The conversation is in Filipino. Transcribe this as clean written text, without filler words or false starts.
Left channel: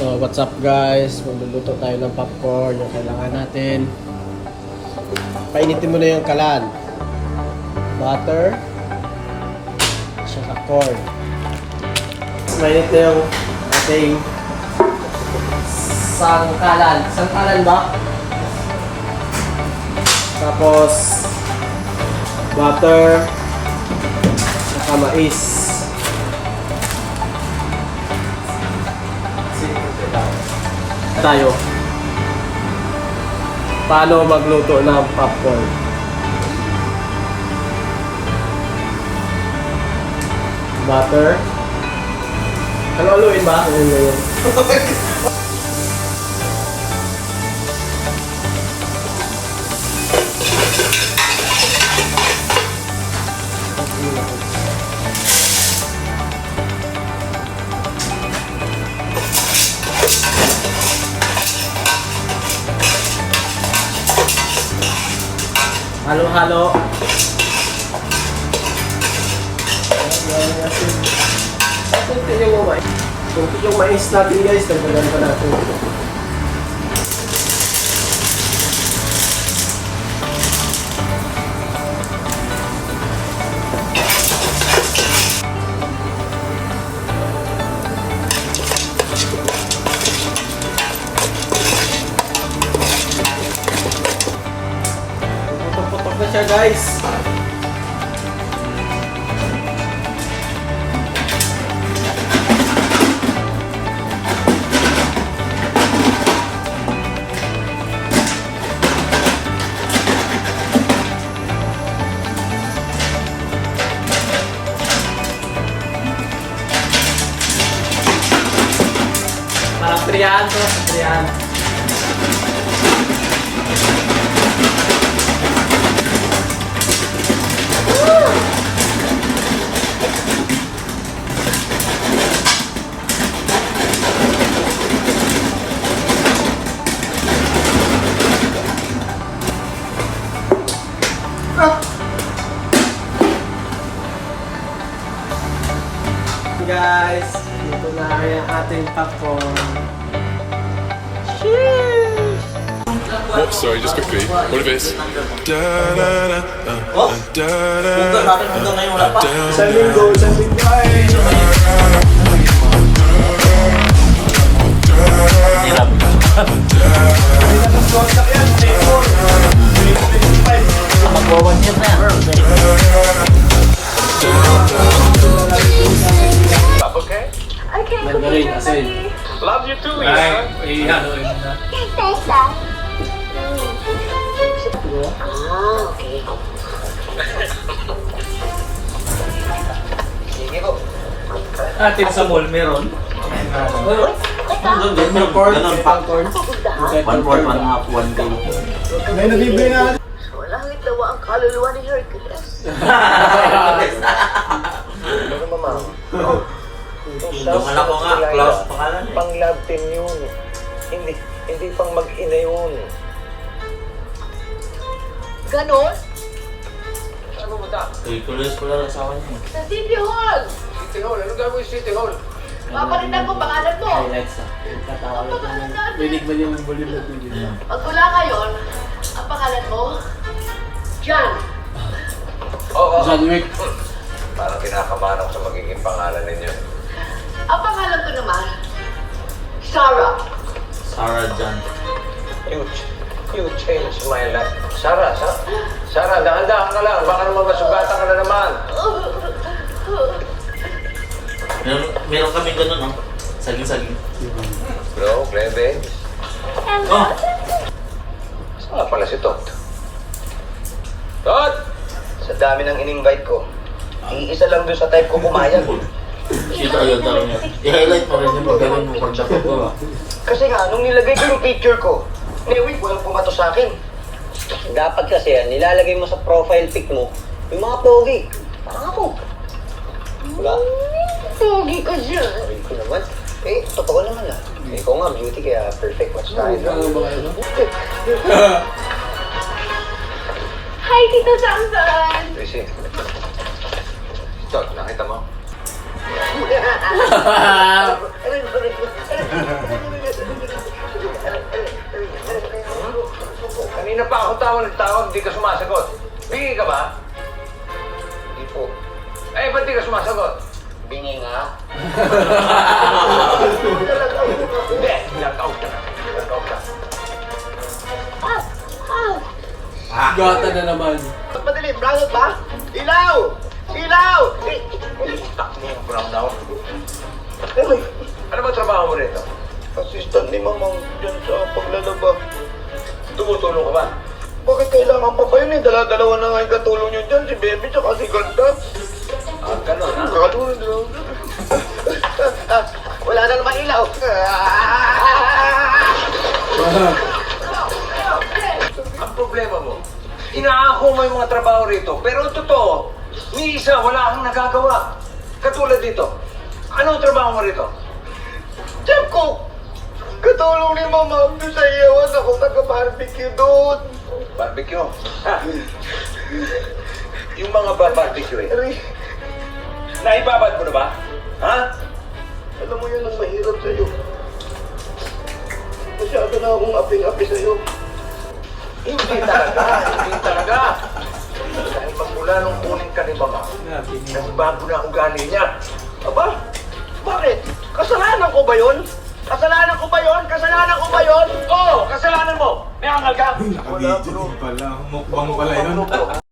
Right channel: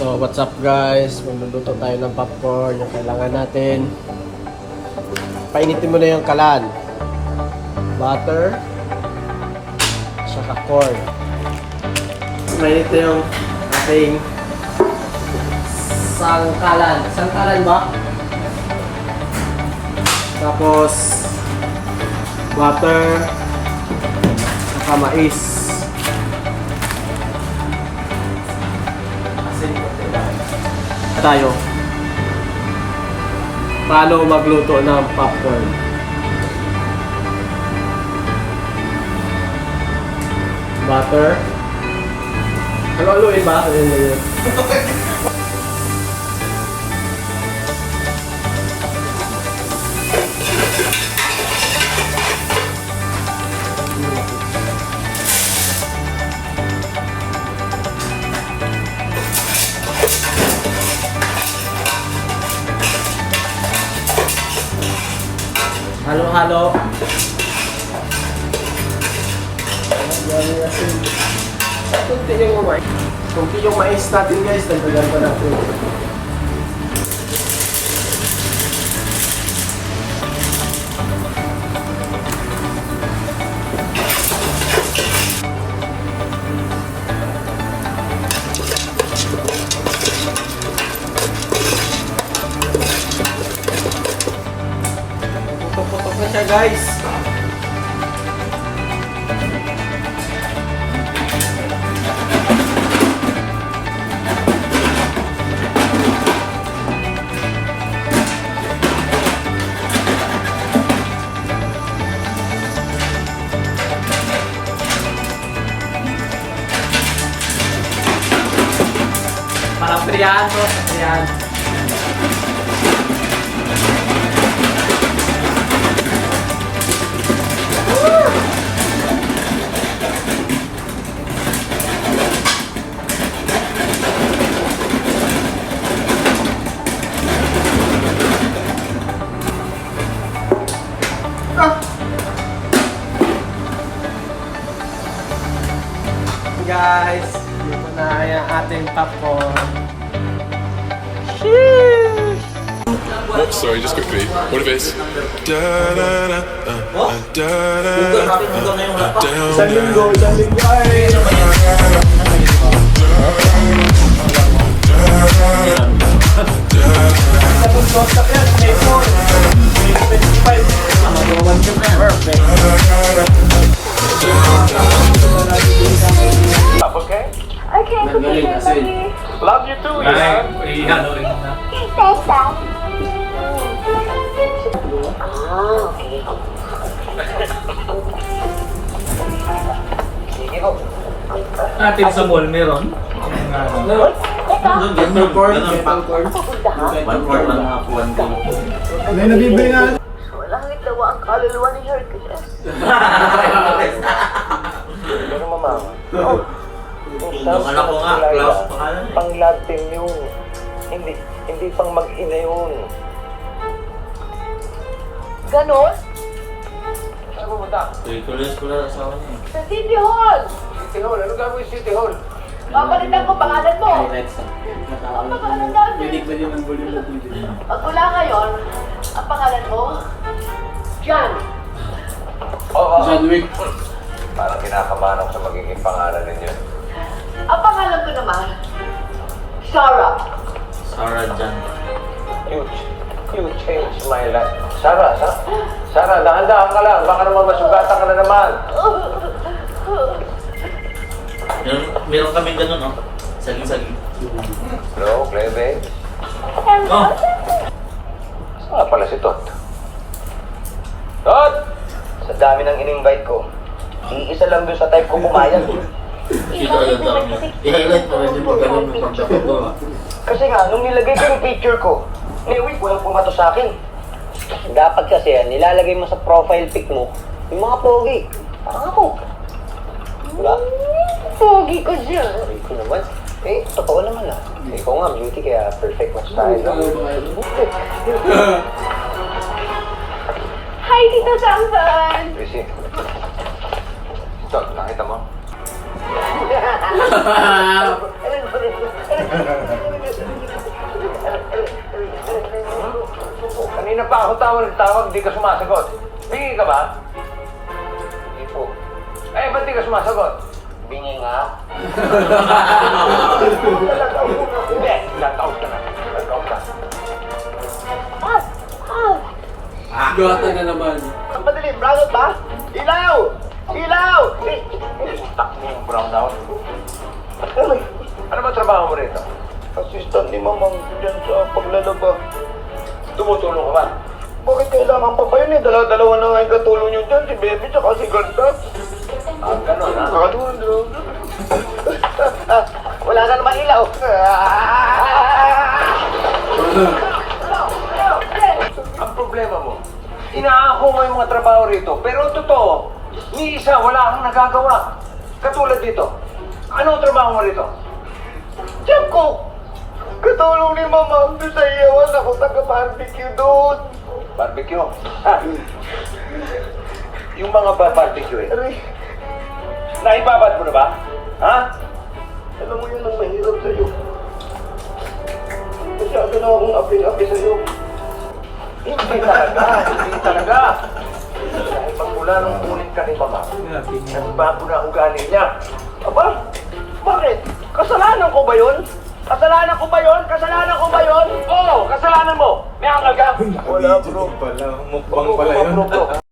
So, what's up guys? Magluluto tayo ng popcorn. Yung kailangan natin. Painitin mo na yung kalan. Butter. Saka corn. Mainit na yung ating sangkalan. Sangkalan ba? Tapos butter. Saka mais. Tayo paano magluto ng popcorn. Butter. Halo-haloin ba? Ano yun? Halo-halo. Ayan, asin. Kunti yung mais. Kunti yung mais natin guys. Dagdagan pa natin. Putok-putok na siya guys. Parang triyan to, sa triyan. Guys, dito na ang ating popcorn. What? Sorry, just quickly. What if it's da da da da da down down. Okay, cookie, buddy. Love you too, yeah. Thanks, Dad. Okay. Atin sa mall, meron? Popcorn, popcorn. One for one half, one day. May nabibili na. Walang itawa ang kaluluwa ni Hercules. Pero mama, Yung anak ko nga, Klaus pangalan eh. pang love team yun. Hindi pang mag-ina yun. Ganon? Saan pumunta? Tuloy pala ang asawa niya. Sa City Hall! City Hall. Ano gagawin sa City Hall? Papalitan ko pangalan mo. Highlights na. Ang pangalan natin. Binig ba yung volume ng video? Pag wala ngayon, ang pangalan mo, John. Oo. John Wick. Parang kinakabahan ako sa magiging pangalan ninyo. Ang pangalan ko naman, Sarah. Sarah Jan. You changed my life. Sarah, dahan-dahan ka lang. Baka naman masugatan ka na naman. Meron kami ganun, oh. Saging-saging. Hello, Cleve. Oh! Saan nga pala si Tot? Tot! Sa dami ng in-invite ko, iisa lang doon sa type ko pumayag. Kita ko yung tarong niya. I-highlight mo rin yung pagkaroon ng pagdapat ko, ah. Kasi nga, nung nilagay ko yung picture ko, wait, walang pumato sa akin. Dapat kasi yan, nilalagay mo sa profile pic mo, yung mga pogi. Parang ako. Diba? Pogi ka dyan. Sabi ko naman, totoo naman ah. Ikaw nga, beauty, kaya perfect match tayo. Hi, Tito Samson! Tracy. Tot, nakita mo? mo nagtawag, di ka sumasagot. Bingi ka ba? Hindi po. Eh, ba't di ka sumasagot? Bingi nga. Hindi, nag-out ka na. Nag-out ka. Gata na naman. Madali, brownout ba? Ilaw! Ilaw! Tak mo yung brown out. Ano ba trabaho mo rito? Assistant ni Mamang dyan sa paglalaba. Tumutulong ka ba? Bakit kailangan pa ba yun eh? Dalawa na nga yung katulong nyo dyan, si Baby tsaka si Ganda. Ah, ganun ha? Nakatulong. Wala na naman ilaw. Ang problema mo, inaako mo yung mga trabaho rito, pero ang totoo, ni isa wala kang nagagawa. Katulad dito. Ano ang trabaho mo rito? Diyan ko! Katulong ni Mama doon sa iyawan ako nag-barbecue doon. Barbecue. Ha? Yung mga barbecue eh. Aray, Naibabad mo na ba? Ha? alam mo yan ang mahirap sa'yo. Masyado na akong aping-api sa'yo. Hindi talaga. Hindi talaga. Dahil magmula nung kunin ka ni Mama, nagbago na ang ugali niya. Aba, bakit? Kasalanan ko ba yun? Kasalanan ko ba yun? Kasalanan ko ba yun? Oo, kasalanan mo. May angal ka. Wala bro. Pala, mukbang pala yun. Bro, bro.